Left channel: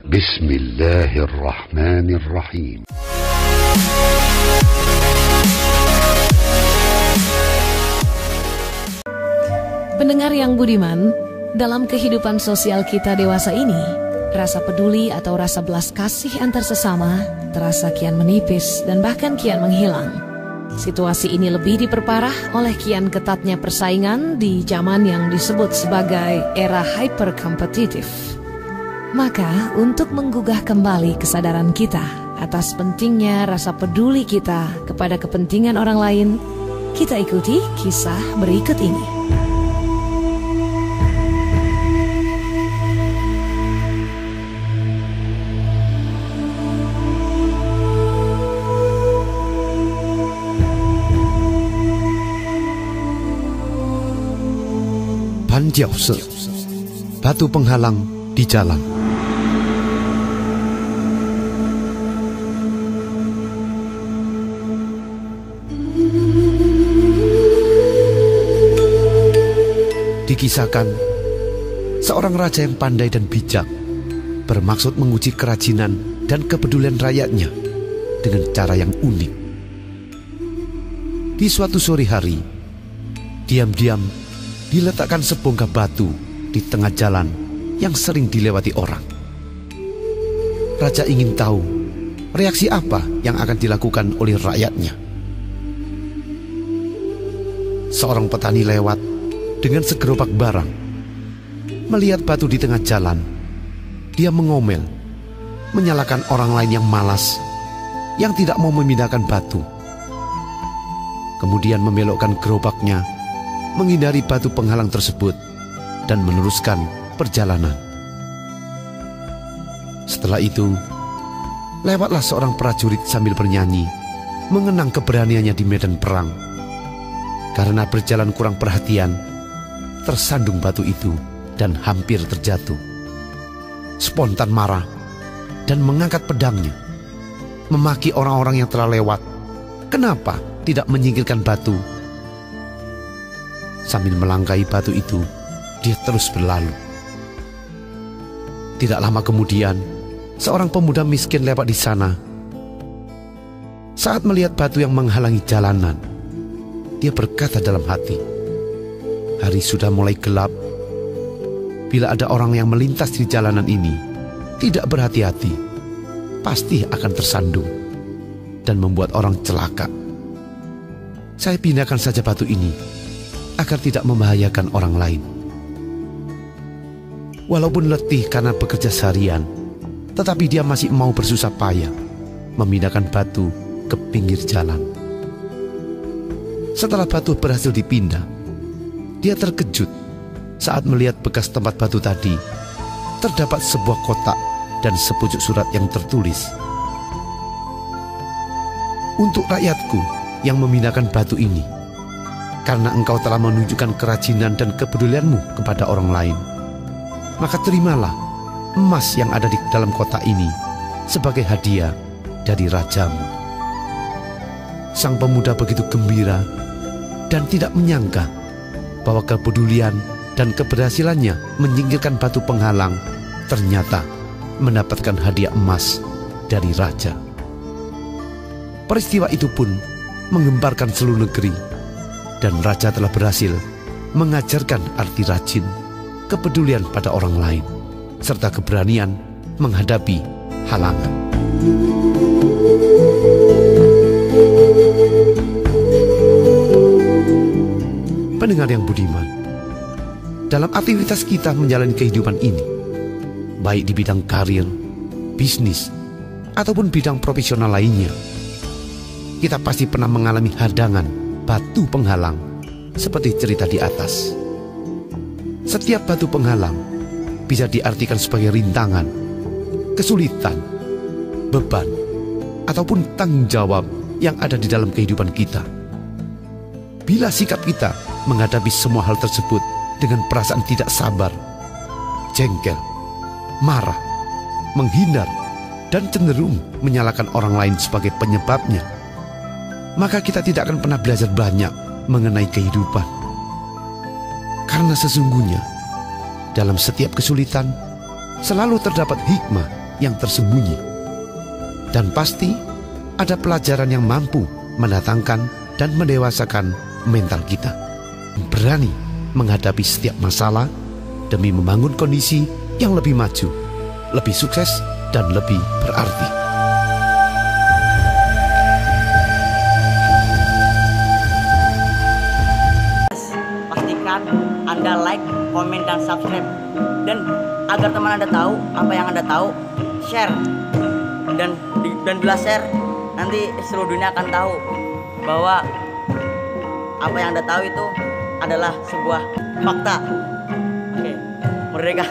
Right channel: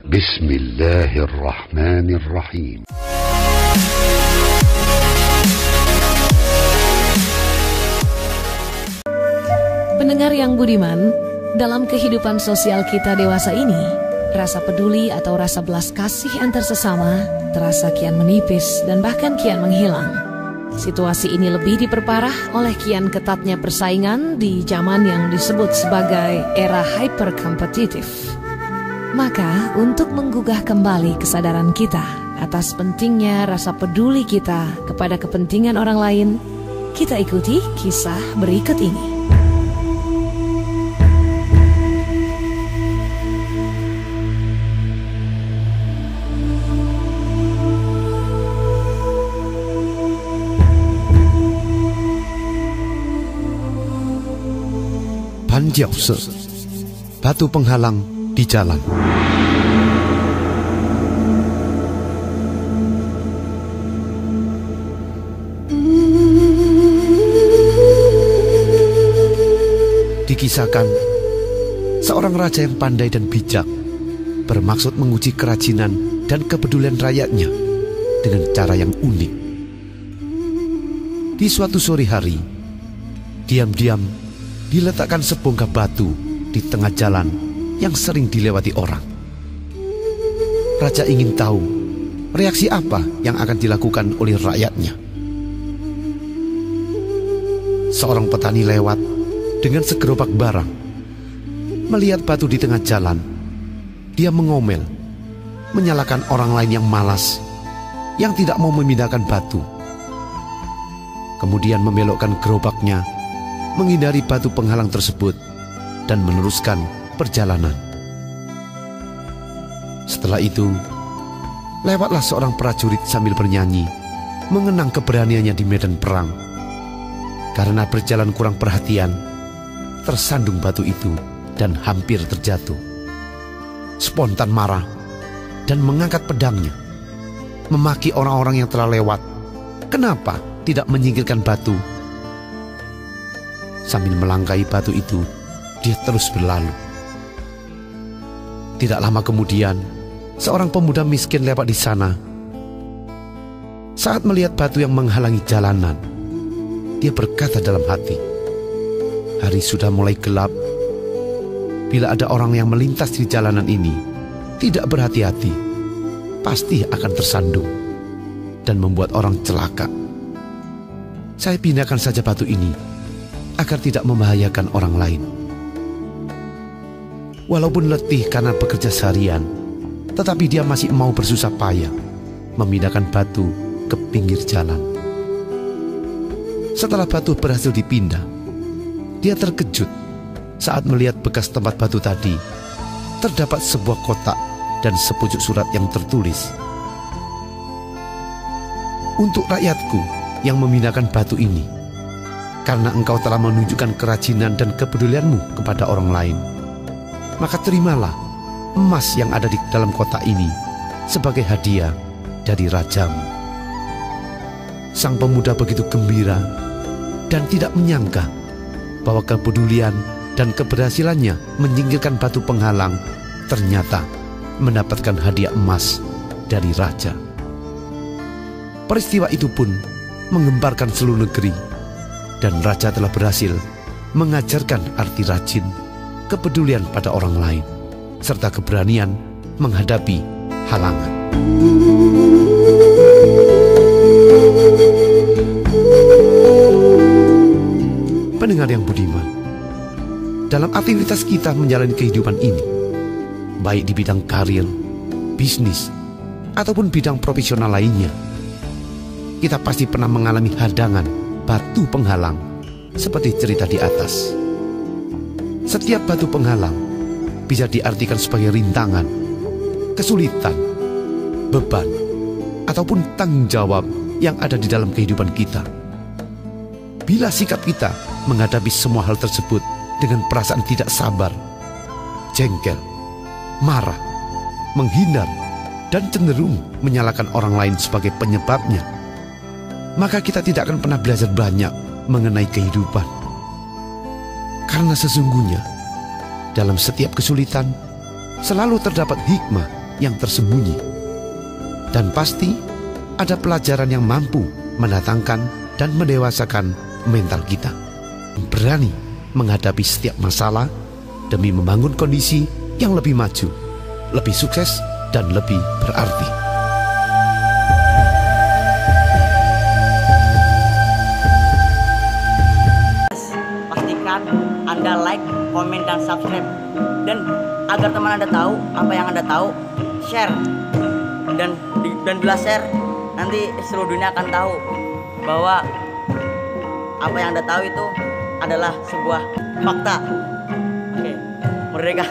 Bismillahirrahmanirrahim. Pendengar yang budiman, dalam kehidupan sosial kita dewasa ini, rasa peduli atau rasa belas kasih antar sesama terasa kian menipis dan bahkan kian menghilang. Situasi ini lebih diperparah oleh kian ketatnya persaingan di zaman yang disebut sebagai era hyperkompetitif. Maka, untuk menggugah kembali kesadaran kita atas pentingnya rasa peduli kita kepada kepentingan orang lain, kita ikuti kisah berikut ini. Banjiaose, batu penghalang di jalan. Dikisahkan, seorang raja yang pandai dan bijak bermaksud menguji kerajinan dan kepedulian rakyatnya dengan cara yang unik. Di suatu sore hari, diam-diam diletakkan sebongkah batu di tengah jalan yang sering dilewati orang. Raja ingin tahu reaksi apa yang akan dilakukan oleh rakyatnya. Seorang petani lewat dengan segerobak barang. Melihat batu di tengah jalan, dia mengomel, menyalahkan orang lain yang malas, yang tidak mau memindahkan batu. Kemudian membelokkan gerobaknya, menghindari batu penghalang tersebut dan meneruskan perjalanan. Setelah itu, lewatlah seorang prajurit sambil bernyanyi, mengenang keberaniannya di medan perang. Karena berjalan kurang perhatian, tersandung batu itu dan hampir terjatuh. Spontan marah dan mengangkat pedangnya, memaki orang-orang yang telah lewat. Kenapa tidak menyingkirkan batu? Sambil melangkahi batu itu, dia terus berlalu. Tidak lama kemudian, seorang pemuda miskin lewat di sana. Saat melihat batu yang menghalangi jalanan, dia berkata dalam hati, hari sudah mulai gelap. Bila ada orang yang melintas di jalanan ini, tidak berhati-hati, pasti akan tersandung dan membuat orang celaka. Saya pindahkan saja batu ini agar tidak membahayakan orang lain. Walaupun letih karena bekerja seharian, tetapi dia masih mau bersusah payah memindahkan batu ke pinggir jalan. Setelah batu berhasil dipindah, dia terkejut saat melihat bekas tempat batu tadi. Terdapat sebuah kotak dan sepucuk surat yang tertulis, "Untuk rakyatku yang memindahkan batu ini, karena engkau telah menunjukkan kerajinan dan kepedulianmu kepada orang lain, maka terimalah emas yang ada di dalam kotak ini sebagai hadiah dari rajamu." Sang pemuda begitu gembira dan tidak menyangka bahwa kepedulian dan keberhasilannya menyingkirkan batu penghalang ternyata mendapatkan hadiah emas dari raja. Peristiwa itu pun menggemparkan seluruh negeri, dan raja telah berhasil mengajarkan arti rajin, kepedulian pada orang lain, serta keberanian menghadapi halangan. Pendengar yang budiman, dalam aktivitas kita menjalani kehidupan ini, baik di bidang karir, bisnis, ataupun bidang profesional lainnya, kita pasti pernah mengalami hadangan batu penghalang seperti cerita di atas. Setiap batu penghalang bisa diartikan sebagai rintangan, kesulitan, beban, ataupun tanggung jawab yang ada di dalam kehidupan kita. Bila sikap kita menghadapi semua hal tersebut dengan perasaan tidak sabar, jengkel, marah, menghindar, dan cenderung menyalahkan orang lain sebagai penyebabnya, maka kita tidak akan pernah belajar banyak mengenai kehidupan. Karena sesungguhnya dalam setiap kesulitan selalu terdapat hikmah yang tersembunyi. Dan pasti ada pelajaran yang mampu mendatangkan dan mendewasakan mental kita. Berani menghadapi setiap masalah demi membangun kondisi yang lebih maju, lebih sukses, dan lebih berarti. Pastikan Anda like, komen, dan subscribe. Dan agar teman Anda tahu apa yang Anda tahu, share. Dan bila share, nanti seluruh dunia akan tahu bahwa apa yang Anda tahu itu adalah sebuah fakta. Oke, merdeka.